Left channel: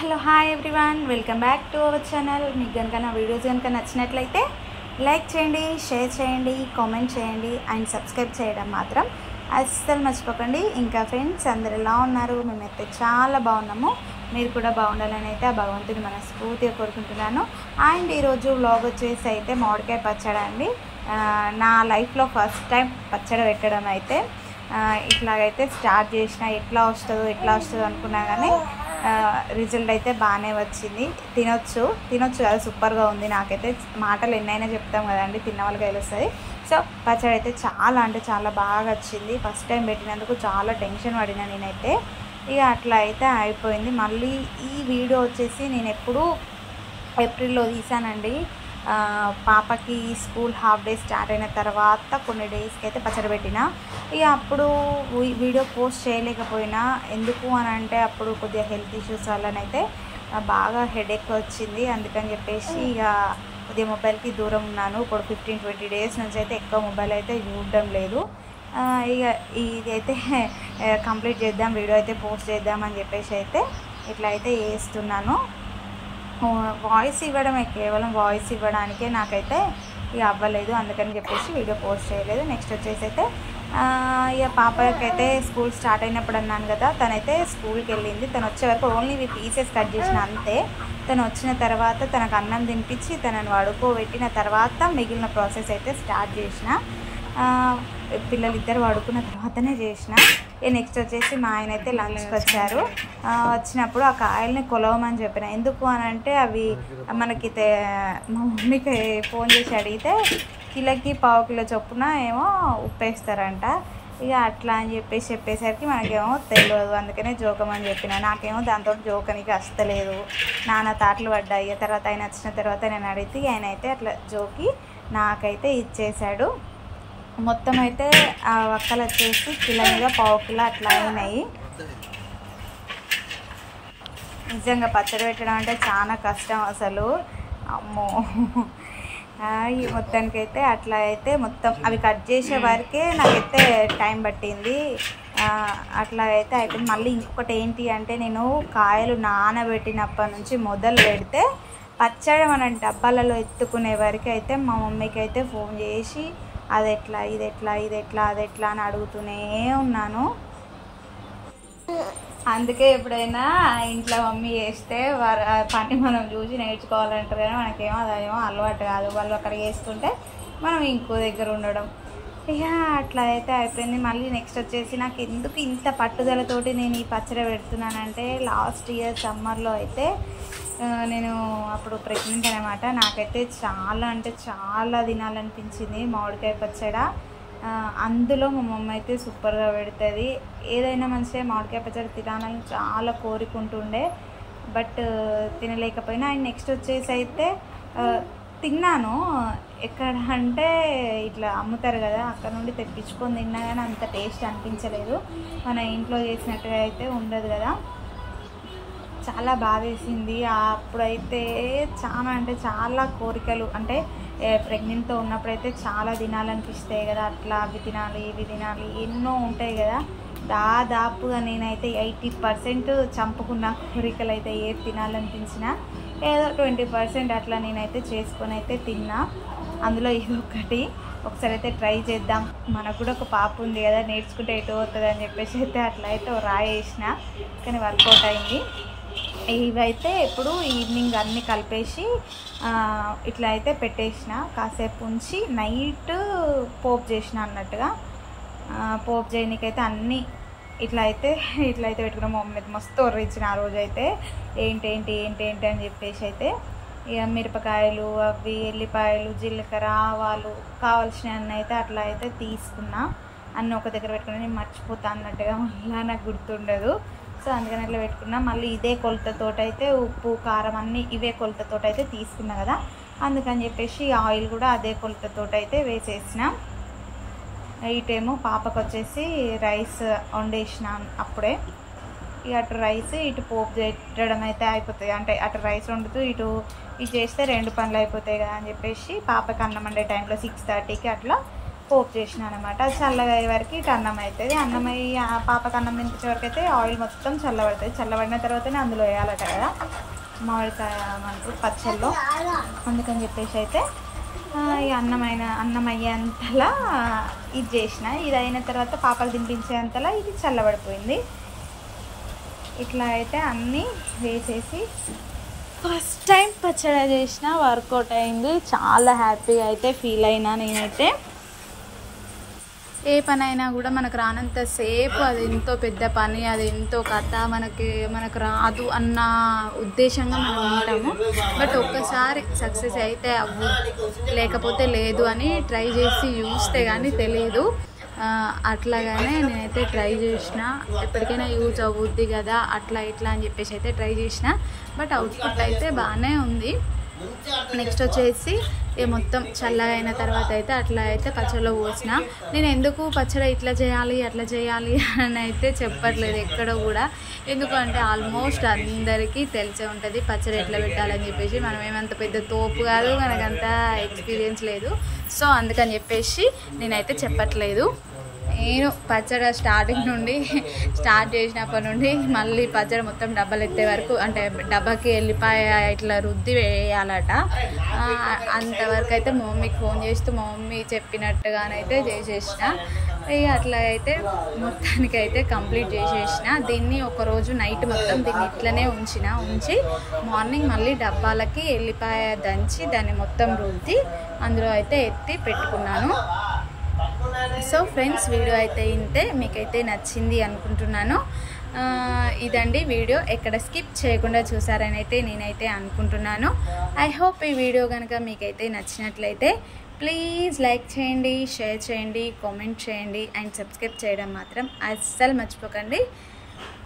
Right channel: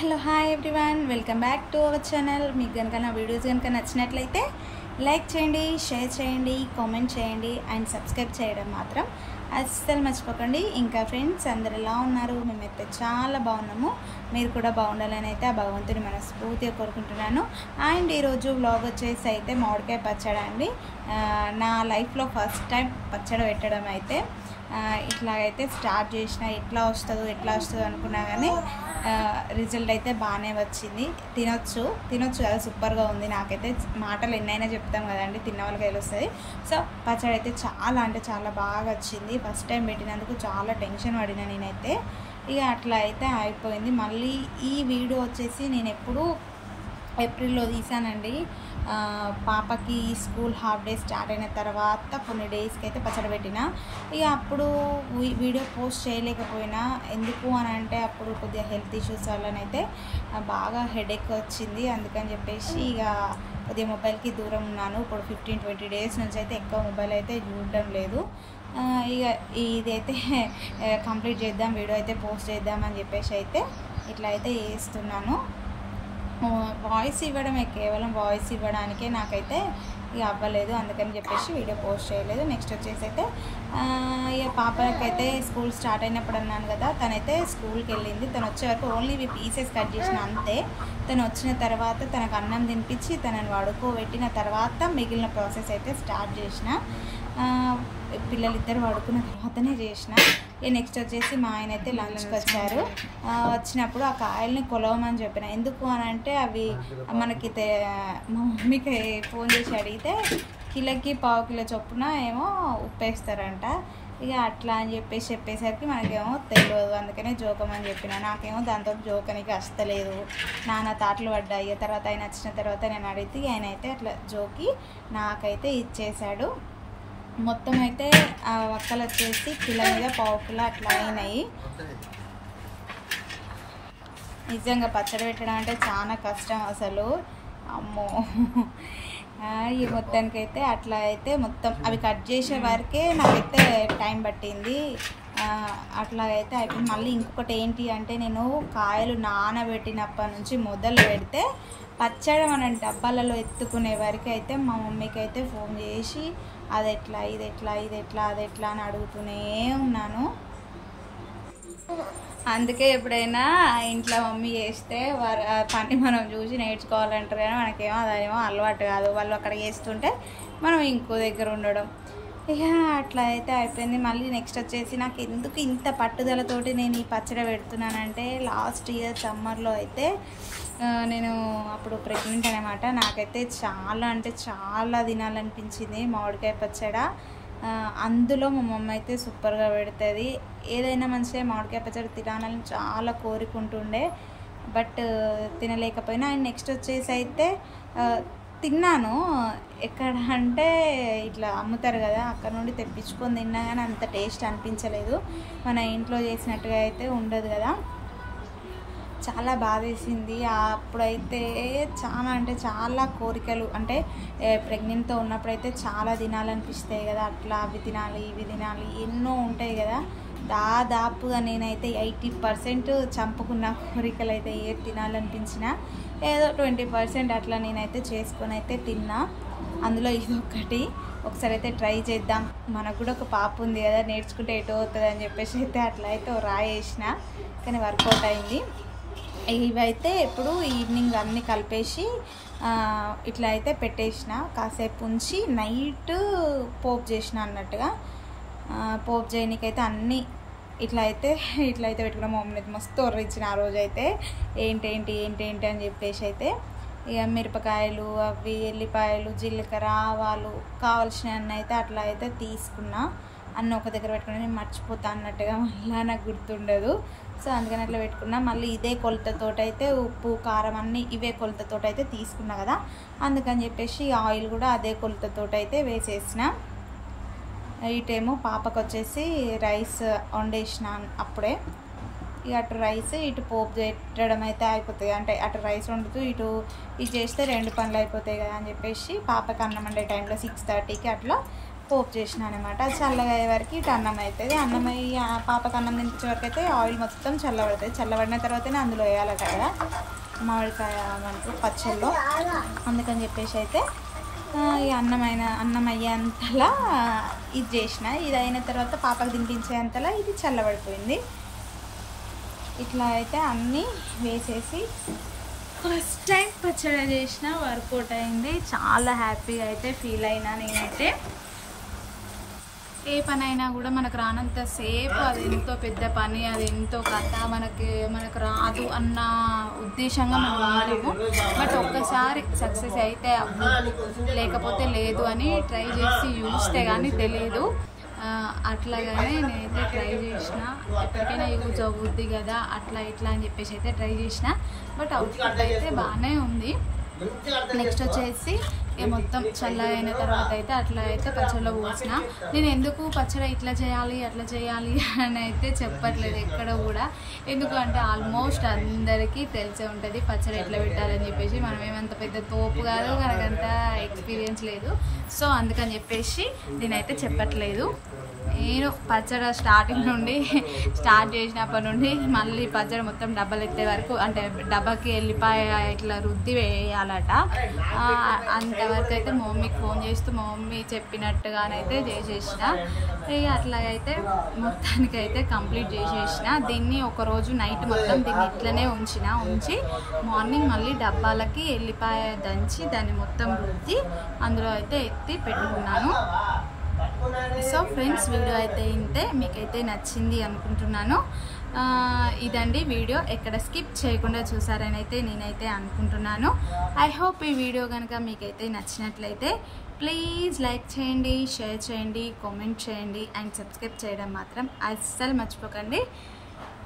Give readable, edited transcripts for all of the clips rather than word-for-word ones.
Hello hi everyone, welcome back to our channel. మీకు కనుక నా వీడియోస్ కనుక నచ్చినట్లయితే లైక్ చేయండి, షేర్ చేయండి, కామెంట్ చేయండి అండ్ సబ్స్క్రైబ్ చేయడం మాత్రం అస్సలు మర్చిపోకండి. ఇంకా ఫ్రెండ్స్ అందరు ఎలా ఉన్నారు? మేమైతే చాలా బాగున్నాము. మీరు కూడా బాగుండాలని అయితే ఆ భగవంతుని మనస్ఫూర్తిగా కోరుకుంటున్నాను. అండ్ ఈరోజు వ్లాగ్ వచ్చేసి అయితే మామిడికాయ పచ్చడి అండి. నా లైఫ్లో ఫస్ట్ టైం పచ్చడి పెట్టడం అయితే ఇట్లాగైతే స్టార్ట్ చేసిన. ఎట్లా వస్తుందో అనుకున్నా కానీ రిజల్ట్ అయితే బాగానే వచ్చింది. తినొచ్చు కదా, సూపర్గా ఉంది. నాకైతే మాటలు ఎన్నైనా చెప్తాం కదండి, తిన్న వాళ్ళకి తెలుస్తుంది. సో పచ్చడి అయితే చాలా అంటే చాలా బాగా వచ్చింది. ఫస్ట్ టైం పెట్టినందుకు చాలా టెన్షన్ పడినా నేనైతే. ఇక అట్లా అయితే అయిపోయింది. మళ్ళీ ఈ వీడియో వచ్చేసి నేను ఎప్పుడు ఏప్రిల్లో తీసానండి. పాపకి స్కూల్ హాఫ్ డే స్టార్ట్ అయిన తర్వాత కొన్ని డేస్కి అయితే పచ్చడి పెట్టిన. ఇక అప్పుడు వీడియో పోస్ట్ చేయలేకపోయినా. ఎందుకు అని అంటే అప్పుడు కొద్దిగా హెల్త్ ఇష్యూస్ వల్లనైతే బాగా హెడేక్ వచ్చింది. అందుకని చెప్పేసి ఇక కొద్దిగా మొబైల్కి దూరం ఉన్నాను. ఇప్పుడు 15-20 డేస్ నుంచి అయితే ఎక్కువ మొబైల్ అయితే చూడడం లేదు. ఇక ఇది అయితే కంప్లీట్ చేద్దాం, వీడియో అయితే పోస్ట్ చేద్దామని చెప్పేసి అయితే ఇట్లా అయితే వేస్తున్నాను. వాయిస్ ఇవ్వడమే, కేవలం వాయిస్ ఇవ్వడానికే నాకైతే ఇక అవ్వలేదు. అందుకని చెప్పేసి వీడియో పోస్ట్ చేయలేదు. నెక్స్ట్ వచ్చేసి అయితే ఇక పాపకైతే స్కూల్ స్టార్ట్ అయినప్పుడు అన్నాను కదా, తనైతే స్కూల్కి వెళ్ళింది. తను వచ్చే వరకు ఓన్లీ ఇవి పీసెస్ కట్ చేసిన అంతే. తను వచ్చిన తర్వాత తనకు అన్నం తినిపించి తనని పడుకోబెట్టిన తర్వాత మిగిలిన ప్రాసెస్ అయితే స్టార్ట్ చేసిన. పిల్లలిద్దరు పడుకున్న తర్వాతనే చేసిన. నెక్స్ట్ వచ్చేసి మా ఆయన అయితే లంచ్కి వచ్చారు. వచ్చినప్పుడు ఆ కాయల్ని కొలవమని చెప్పిన. ఎందుకు అని అంటే అవి మనకి మా మమ్మీకి ఫోన్ చేసి అడిగితే కిలోకి 1/2 కిలో చొప్పున ఏమో ఉప్పేస్తారంట. ఇక అట్లా అని చెప్పేసరికి మనకేమో తెలియదు. అందుకనే జోకమని చెప్పిన. నాకేమో దాంతో జోకనికి వస్తలేదు. నాన్న తాటలు పడ్డాయి. తర్వాత ఆయన వచ్చిన తర్వాత నేను అడిగితే ఆయన అయితే అట్లా జోకి నాకైతే ఇచ్చేశాడు. మొత్తం అయితే ఆ వక్కలు వచ్చేసి కిలో మీద 1/2 కిలో అట్లా అయినాయి. నిజంగా పచ్చడి పెట్టడం అంటే చాలా కష్టం అసలు, అమ్మో. ఈ మొత్తానికైతే అట్లా అయితే మొత్తం అవి కట్ చేసే వరకే నాకైతే టైం పట్టింది. అట్లా అయితే అయిపోయింది. మళ్ళీ ఇంకొకటి ఏంటి అంటే నేను కాయలు నానబెట్టినప్పటి నుంచి మొదలు పెడితే పచ్చడి మనం డబ్బాలలో ఎత్తుకునే వరకు అయితే మా మమ్మీకి అయితే ఫోన్ చేసి అది ఎట్లా అని అడుగుతూనే ఉన్నాను. అందుకే ఎప్పుడైనా ఇంట్లో మమ్మీ చేస్తే పని మనం చూసి నేర్చుకోవాలంటారు, కానీ మనకేమో అదేమో అలవాటు కాదు. వాళ్ళు అక్కడ చేస్తుంటే మనం ఇంకో దగ్గర ఉండడం. ఇక అట్లా అయితే అయిపోయింది. మళ్ళీ నెక్స్ట్ వచ్చేసి నాకు ఎందుకు ఇంత పట్టుదలతోటి నేను ఈ పచ్చడి పెడుతున్నానంటే, లాస్ట్ ఇయర్ సమ్మర్లో అయితే నేను అప్పుడు ప్రెగ్నెంట్ అనమాట. నాకైతే చాలా అంటే చాలా తినాలనిపించింది మామిడికాయ పచ్చడి. అందులో మా మమ్మ అయితే సూపర్గా పెడుతుంది. ఏదైనా మంచిగా మామిడికాయ పచ్చడి తినాలని చాలా కోరుకుంటుండే, బట్ తినలేకపోయినా. అండ్ నెక్స్ట్ వచ్చేసి అయితే తిన్నాను. ఎక్కడ అంటే ఇట్లా అమ్ముతారు కదా, అక్కడ నుండి తెప్పించుకొని తిన్నా కానీ అంత టేస్ట్ అనిపించలేదు. మన ఇంట్లో చేసినట్టుగా అయితే ఉండదు కదా. చాలా బాధేసింది. అప్పుడైతే చాలా అంటే చాలా కోరికలు, అంటే ప్రెగ్నెంట్తో ఉన్నప్పుడైతే చాలా తినాలనిపిస్తాయి కదా, అట్లా అవి తినాలి ఇవి తినాలి ఎన్నో ఉంటాయి కదా. దాదాపుగా నేనైతే 80% చంపుకున్న కోరికలు అయితే ఏది తినాలనిపించినా ఏదో 20% అట్లా నేనైతే చేసుకొని అయితే తిన్నా. అందులో ఇదొక్కటి. ఒకసారి అయితే ట్రై చేద్దాం, మనకు కూడా ఒక పాప ఉంది కదా, నేర్చుకుంటే ఎటు అవుతుంది అని చెప్పేసి అయితే అట్లా అయితే రాయేసిన, కానీ వర్కౌట్ అయింది. ఇవైతే ఇప్పుడు ఈవినింగ్ అన్నీ కలిపేసి ఇట్లా అయితే పెట్టేసిన. కాసేపు ఉంచి నైట్ పోపు చేసిన అన్నట్టుగా. పోపు చేయడానికైతే అన్నీ ఇట్లా అయితే పెట్టుకున్నాం. మమ్మల్ని అయితే మస్తు ఒర్రించిన ఆ రోజు అయితే. ఏంటి అని చెప్పేసి అయితే ఇక మిరపకాయలు, అవి ఎల్లిపాయలు, జీలకర్ర, ఆవాలు కావాల్సిన అన్నీ అయితే అట్లా అయితే తీసుకున్నా. అన్నీ ఒక దగ్గర పెట్టుకున్నా. నేను మర్చిపోతా అన్నట్టుగా మళ్ళీ నాకు గుర్తుండదు. సో అందుకని అట్లా పెట్టుకున్నా. మళ్ళీ ఇదే కొలతతోటి అయితే ఉప్పు కారం అన్నీ ఇవే కొలతతోటి అయితే తీసుకున్నా కదా, అందుకని చెప్పేసి ఆయిల్ కూడా అదే కొలతతోటి అయితే వేసేసిన. ఇటేమో పాపకు వచ్చేసి రైస్ వండేసిన అప్పుడే. ఇక అటు రైస్ ఇటు పోపు పెట్టడం అయితే అయిపోతుంది. అంటే అటు రైస్ వండుతూ ఇటు ఇది చేస్తే 2 పనులు అయిపోతాయి కదా అని చెప్పేసి పాపకి అన్నం వండే టైంలో 6:30కి అట్లా పోపు చేసిన అనమాట. అది చల్లగా అయ్యే వరకు ఇటు అన్నం అవుతుంది. అన్నం అయ్యి పాపకు అన్నం తినిపించే వరకు అయితే ఆయిల్ మొత్తం చల్లబడుతుంది. చల్లబడిన తర్వాతనే అందులో వేయాలట కదా మామిడికాయ అంటారు పచ్చళ్ళలో. అందుకని చెప్పేసి అయితే ఈ అన్నం అయ్యేంతలా ఇది చేసిన. ఇది అయిన తర్వాత పాపకు తినిపించేంతలా ఇది చల్లబడిపోయింది. ఇట్లా అయితే అన్నీ వేసేసి ఫస్ట్ టైం పచ్చడి చేసిన, వర్కౌట్ అయింది. చాలా హ్యాపీగా అయితే ఫీల్ అయినా నేనైతే. ఏ పని అయినా కూడా మనకు రానంతసేపు అది ఎంతో పెద్ద పని, అది ఎంతో కథ, మనకు రాదు అన్న ఉద్దేశంగా మనం ఉంటాము. బట్ ఒక్కసారి సక్సెస్ అయితే అవ్వు, లేకపోతే లేదు అని ట్రై చేసి చూస్తే కానీ తెలియదు. అట్లాగానే నేనైతే ట్రై చేసిన. ఎప్పటికైనా యూజ్ అవుద్ది కదా అట్లా ఇట్లా అని చెప్పేసి అయితే ట్రై చేసిన. బట్ అవుట్పుట్ అయితే బాగానే ఉంది. నెక్స్ట్ వచ్చేసి మొత్తం చల్లగా అయిన తర్వాత అయితే అట్లా అయితే పచ్చడిలో పోసిన. నేను ఎందుకు పచ్చడి ఇట్లా చేయాలి అట్లా చేయాలి అని అయితే చెప్పట్లేదు ఎక్కడ కూడా. ఎందుకంటే ఆల్మోస్ట్ అందరికీ తెలిసే ఉంటుంది పచ్చడి ఎట్లా పెట్టాలని చెప్పేసి. మనం ఏమంత పెద్ద తోపు కాదు, మనకంత ఎక్స్పీరియన్స్ లేదు. సో అందుకని చెప్పేసి నేనైతే చెప్పట్లేదు. నేను పచ్చడి స్టార్ట్ చేసినప్పటి నుండి మళ్ళీ పచ్చడి మొత్తం డబ్బాలు ఎత్తే వరకు, అంటే డబ్బాకి వెళ్ళిపోయి ఇట్లా రుద్ది వేయాలట. అంతవరకు అయితే మా మమ్మీకి ఫోన్ చేస్తూ మా మమ్మీ చెప్పినట్టుగానైతే చేసేసిన. ఇక అట్లాగైతే మొత్తానికైతే కంప్లీట్ చేసేసిన. దీన్ని ఒకరోజు నైట్ మొత్తం దీన్ని ఇట్లనే ఉంచి మార్నింగ్ మళ్ళీ డబ్బాలకి వెళ్ళిపోయి దంచి దాన్ని మొత్తం రుద్ది అందులో అయితే ఎత్తి పెట్టుకున్నాను. సో ఫ్రెండ్స్, వీడియో అయితే ఇంతే, మీకైతే నచ్చింది అనుకుంటున్నాను. ఇదండి వీడియో, ఎక్కడ స్కిప్ చేయకుండా చూసారని అయితే నేనైతే అనుకుంటున్నాను. ఐ హోప్ ఈ వీడియో కనుక మీకైతే నచ్చినట్లయితే ప్లీజ్ లైక్ చేయండి, షేర్ చేయండి, కామెంట్ చేయండి అండ్ సబ్స్క్రైబ్ చేయడం మాత్రం అస్సలు మర్చిపోకండి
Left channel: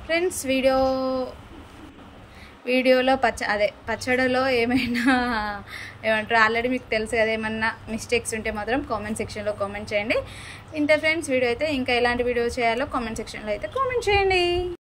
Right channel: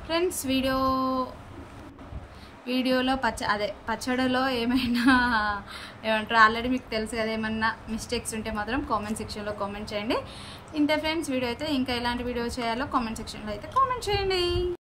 ఫ్రెండ్స్. వీడియోలో పచ్చడిలో ఏమైనా ఏమంటారు ఆల్రెడీ మీకు తెలుసు కదా, ఏమన్నా మిస్టేక్స్ ఉంటే మాత్రం కామెంట్ సెక్షన్లో కామెంట్ చేయండి. ఇంతే ఫ్రెండ్స్, వీడియో అయితే ఇంకా ఎలాంటి వీడియో చేయాలో కామెంట్ సెక్షన్లో అయితే కామెంట్ చేయండి.